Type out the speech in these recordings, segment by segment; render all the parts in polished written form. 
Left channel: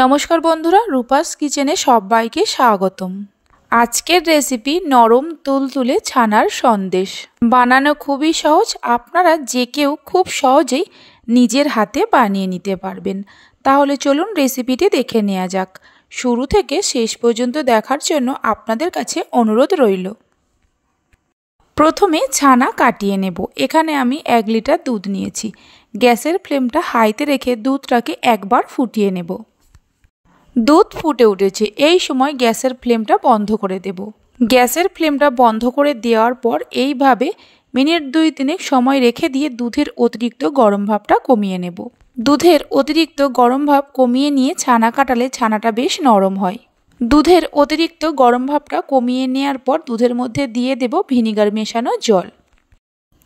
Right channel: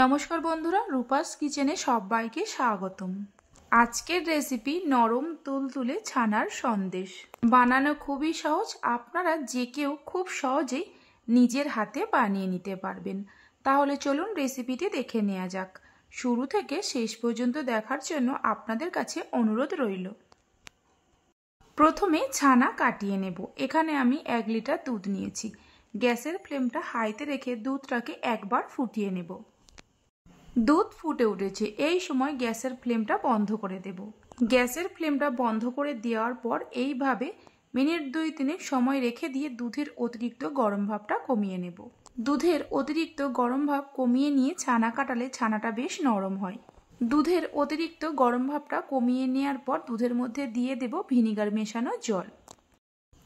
নমস্কার বন্ধুরা, রূপাস কিচেনে সবাইকে স্বাগতম। আজকের রেসিপি নরম তুলতুলে ছানার সন্দেশ। বানানো খুবই সহজ, আপনারা যে কেউ খুব সহজেই নিজের হাতে বানিয়ে নিতে পারবেন। তাহলে চলুন রেসিপিটি দেখে নেওয়া যাক। শুরু থেকে শেষ পর্যন্ত দেখার জন্য আপনাদের কাছে অনুরোধ রইল। প্রথমে ছানা কাটিয়ে নেব। এখানে আমি 1 লিটার দুধ নিয়েছি। গ্যাসের ফ্লেমটা হাইতে রেখে দুধটাকে একবার ফুটিয়ে নেব। দুধ ফুটে উঠেছে, এই সময় গ্যাসের ফ্লেমটা বন্ধ করে দেব। গ্যাসের ফ্লেমটা বন্ধ করে দেওয়ার পর এইভাবে মিনিট 2-3 সময় রেখে দিয়ে দুধের অতিরিক্ত গরম ভাবটা কমিয়ে নেব। দুধের অতিরিক্ত গরম ভাব কমিয়ে নিয়ে ছানা কাটালে ছানাটা বেশ নরম হয়। দুধের অতিরিক্ত গরম ভাবটা কমিয়ে নেওয়ার পর দুধের মধ্যে দিয়ে দেব ভিনিগার মেশানো জল।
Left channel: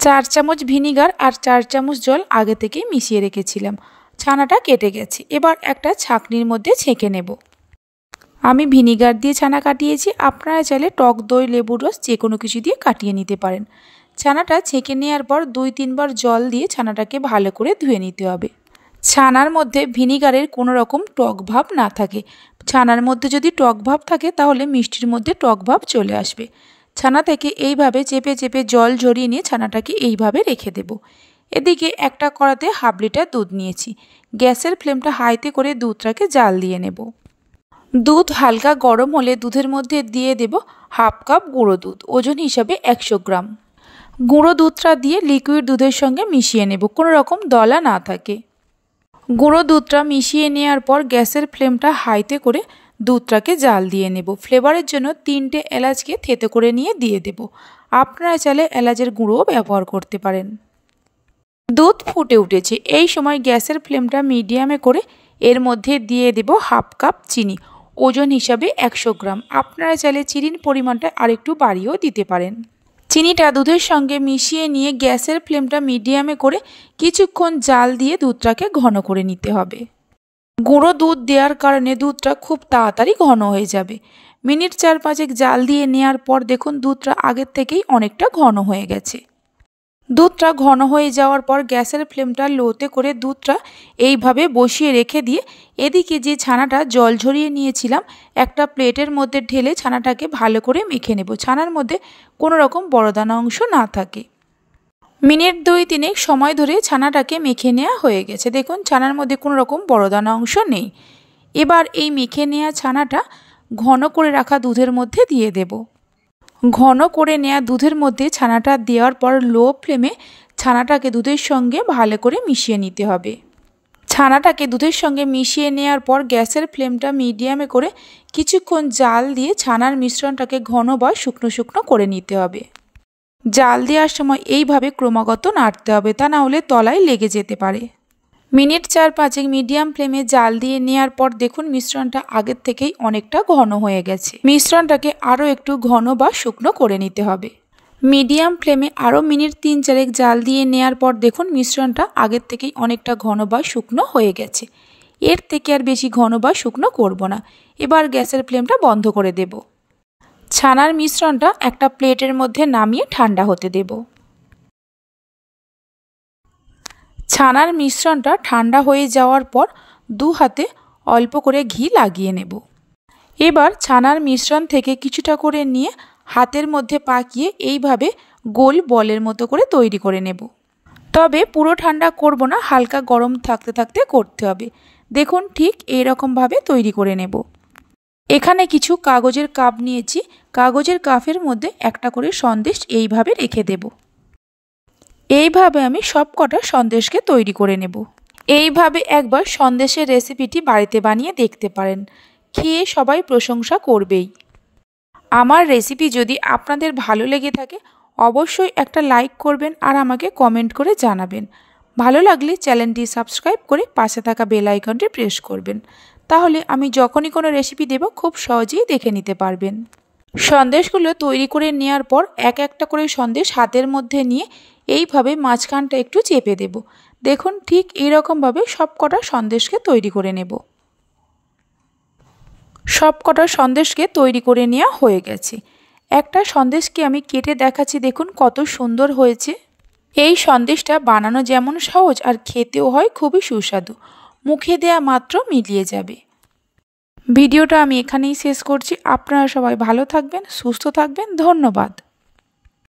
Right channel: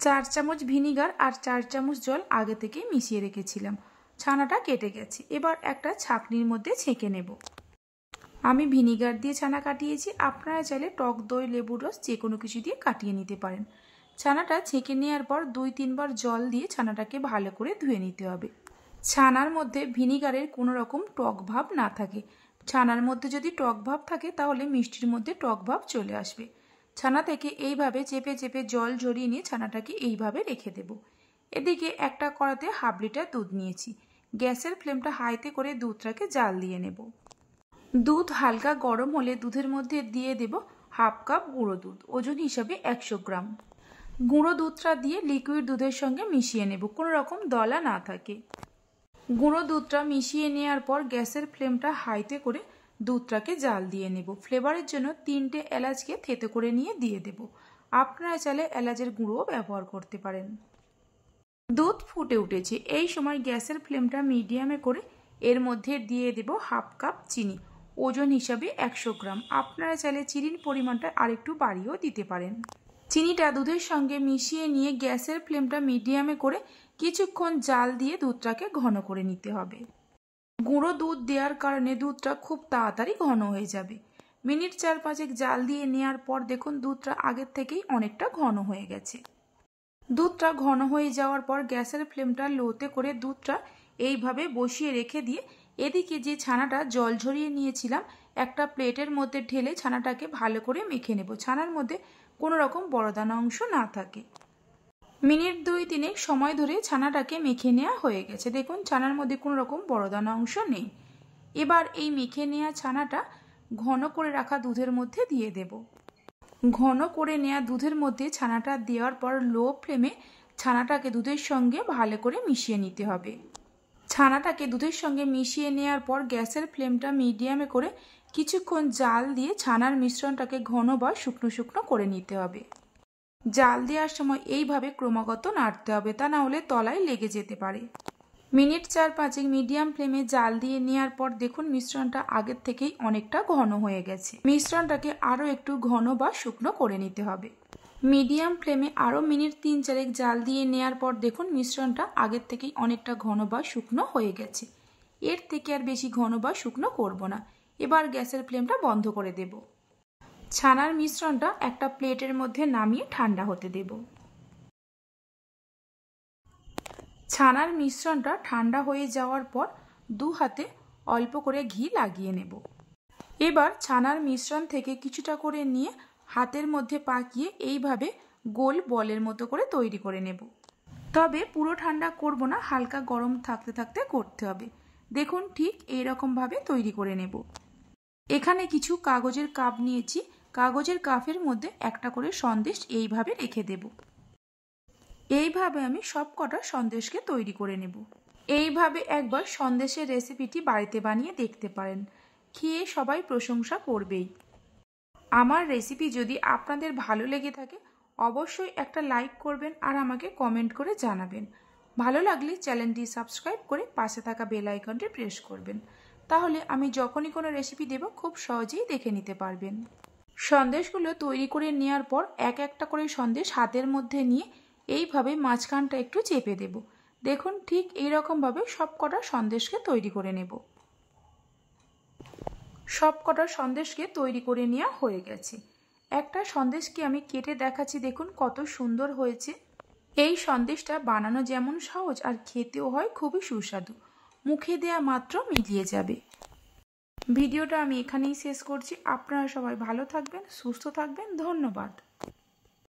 4 চামচ ভিনিগার আর 4 চামচ জল আগে থেকে মিশিয়ে রেখেছিলাম। ছানাটা কেটে গেছে, এবার একটা ছাঁকনির মধ্যে ছেঁকে নেব। আমি ভিনিগার দিয়ে ছানা কাটিয়েছি, আপনারা চাইলে টক দই, লেবুর রস যে কোনো কিছু দিয়ে কাটিয়ে নিতে পারেন। ছানাটা ছেঁকে নেওয়ার পর 2-3 বার জল দিয়ে ছানাটাকে ভালো করে ধুয়ে নিতে হবে। ছানার মধ্যে ভিনিগারের কোনো রকম টক ভাব না থাকে। ছানার মধ্যে যদি টক ভাব থাকে তাহলে মিষ্টির মধ্যে টক ভাব চলে আসবে। ছানা থেকে এইভাবে চেপে চেপে জল ঝরিয়ে নিয়ে ছানাটাকে এইভাবে রেখে দেব। এদিকে একটা কড়াতে 1/2 লিটার দুধ নিয়েছি। গ্যাসের ফ্লেমটা হাইতে করে দুধটাকে জাল দিয়ে নেব। দুধ হালকা গরম হলে দুধের মধ্যে দিয়ে দেব 1/2 কাপ গুঁড়ো দুধ, ওজন হিসাবে 100 গ্রাম। গুঁড়ো দুধটা দিয়ে লিকুইড দুধের সঙ্গে মিশিয়ে নেব, কোনো রকম দলা না থাকে। গুঁড়ো দুধটা মিশিয়ে নেওয়ার পর গ্যাসের ফ্লেমটা হাইতে করে দুধটাকে জাল দিয়ে নেব। ফ্লেভারের জন্য 3টে এলাচকে থেতো করে নিয়ে দিয়ে দেব। আপনারা চাইলে এলাচের গুঁড়োও ব্যবহার করতে পারেন। দুধ ফুটে উঠেছে, এই সময় গ্যাসের ফ্লেমটা মিডিয়ামে করে এর মধ্যে দিয়ে দেব 1/2 কাপ চিনি, ওজন হিসাবে 100 গ্রাম। আপনারা চাইলে চিনির পরিমাণটা আরেকটু বাড়িয়েও দিতে পারেন। চিনিটা দুধের সঙ্গে মিশিয়ে নিয়ে গ্যাসের ফ্লেমটা মিডিয়ামে করে কিছুক্ষণ জাল দিয়ে দুধটাকে ঘন করে নিতে হবে। গুঁড়ো দুধ দেওয়ার কারণে দুধটা খুব তাড়াতাড়ি ঘন হয়ে যাবে। মিনিট 4-5 জাল দিয়ে নেওয়ার পর দেখুন দুধটা আগের থেকেই অনেকটা ঘন হয়ে গেছে। দুধটা ঘন হয়ে যাওয়ার পর গ্যাসের ফ্লেমটা লোতে করে দুধটা এইভাবে বসিয়ে রেখে দিয়ে এদিকে যে ছানাটা জল ঝরিয়ে নিয়েছিলাম একটা প্লেটের মধ্যে ঢেলে ছানাটাকে ভালো করে মেখে নেব। ছানার মধ্যে কোনো রকম বড়দানা অংশ না থাকে। মিনিট 2-3 সময় ধরে ছানাটাকে মেখে নেওয়া হয়ে গেছে। দেখুন ছানার মধ্যে কোনো রকম বড়দানা অংশ নেই। এবার এই মেখে নেওয়া ছানাটা ঘন করে রাখা দুধের মধ্যে দিয়ে দেব। ঘন করে নেওয়া দুধের মধ্যে ছানাটা দেওয়ার পর লো ফ্লেমে ছানাটাকে দুধের সঙ্গে ভালো করে মিশিয়ে নিতে হবে। ছানাটাকে দুধের সঙ্গে মিশিয়ে নেওয়ার পর গ্যাসের ফ্লেমটা মিডিয়ামে করে কিছুক্ষণ জাল দিয়ে ছানার মিশ্রণটাকে ঘন বা শুকনো শুকনো করে নিতে হবে। জাল দেওয়ার সময় এইভাবে ক্রমাগত নাড়তে হবে, তা না হলে তলায় লেগে যেতে পারে। মিনিট 4-5 মিডিয়াম ফ্লেমে জাল দিয়ে নেওয়ার পর দেখুন মিশ্রণটা আগের থেকেই অনেকটা ঘন হয়ে গেছে। মিশ্রণটাকে আরও একটু ঘন বা শুকনো করে নিতে হবে। মিডিয়াম ফ্লেমে আরও মিনিট 3-4 জাল দিয়ে নেওয়ার পর দেখুন মিশ্রণটা আগের থেকেই অনেকটা ঘন বা শুকনো হয়ে গেছে। এর থেকে আর বেশি ঘন বা শুকনো করব না। এবার গ্যাসের ফ্লেমটা বন্ধ করে দেব। ছানার মিশ্রণটা একটা প্লেটের মধ্যে নামিয়ে ঠান্ডা হতে দেব। ছানার মিশ্রণটা ঠান্ডা হয়ে যাওয়ার পর 2 হাতে অল্প করে ঘি লাগিয়ে নেব। এবার ছানার মিশ্রণ থেকে কিছুটা করে নিয়ে হাতের মধ্যে পাকিয়ে এইভাবে গোল বলের মতো করে তৈরি করে নেব। তবে পুরো ঠান্ডা করব না, হালকা গরম থাকতে থাকতে করতে হবে। দেখুন ঠিক এই রকমভাবে তৈরি করে নেব। এখানে কিছু কাগজের কাপ নিয়েছি, কাগজের কাপের মধ্যে একটা করে সন্দেশ এইভাবে রেখে দেব। এইভাবে আমি সব কটা সন্দেশকে তৈরি করে নেব। এইভাবে একবার সন্দেশের রেসিপিটি বাড়িতে বানিয়ে দেখতে পারেন, খেয়ে সবাই প্রশংসা করবেই। আমার রেসিপি যদি আপনাদের ভালো লেগে থাকে অবশ্যই একটা লাইক করবেন আর আমাকে কমেন্ট করে জানাবেন। ভালো লাগলে চ্যানেলটি সাবস্ক্রাইব করে পাশে থাকা বেল আইকনটি প্রেস করবেন, তাহলে আমি যখনই কোনো রেসিপি দেব খুব সহজেই দেখে নিতে পারবেন। সন্দেশগুলো তৈরি করে নেওয়ার পর একটা করে সন্দেশ হাতের মধ্যে নিয়ে এইভাবে মাঝখানটা একটু চেপে দেব। দেখুন ঠিক এইরকমভাবে সব কটা সন্দেশকে তৈরি করে নেব। সব কটা সন্দেশকে তৈরি করে নেওয়া হয়ে গেছে। একটা সন্দেশকে আমি কেটে দেখাচ্ছি, দেখুন কত সুন্দর হয়েছে। এই সন্দেশটা বানানো যেমন সহজ আর খেতেও হয় খুবই সুস্বাদু, মুখে দেয়া মাত্র মিলিয়ে যাবে। ভিডিওটা আমি এখানেই শেষ করছি। আপনারা সবাই ভালো থাকবেন, সুস্থ থাকবেন। ধন্যবাদ।